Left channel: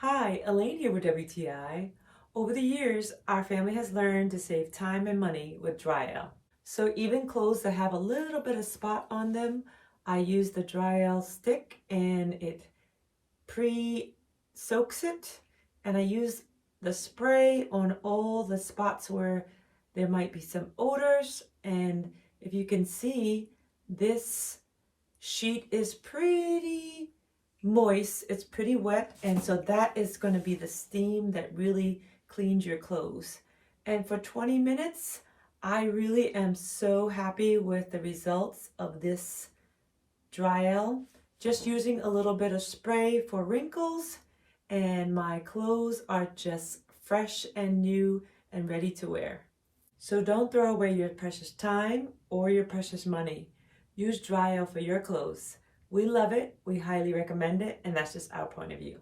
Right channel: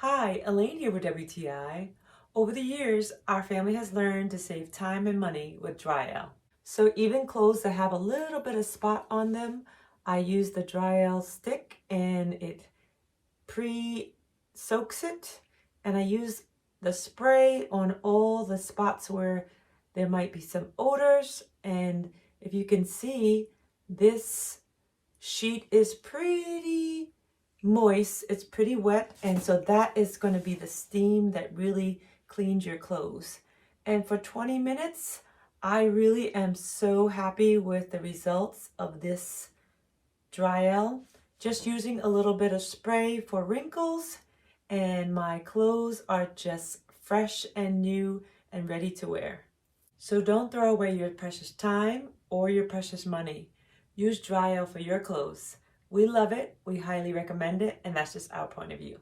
Hi, Elaine here with WTI. Over the years, our family has learned to save time and money with Dryel. So even clothes that have a little bit of spot on them, I use the Dryel stick and it pre-soaks it. And I use the spray on all the spots where there might be some odors. And if you can see, this sheet is pretty moist, it's pretty wet, and so that is going to be the steam that really cleans your clothes. And for 20 minutes, I really am so happy with the results of this Dryel. Just using a little bit of spray for wrinkles, and my clothes are just fresh and new and ready to wear. So don't throw away your precious time or your precious money. Use Dryel for your clothes. We love it, we highly recommend it, and that's just our point of view.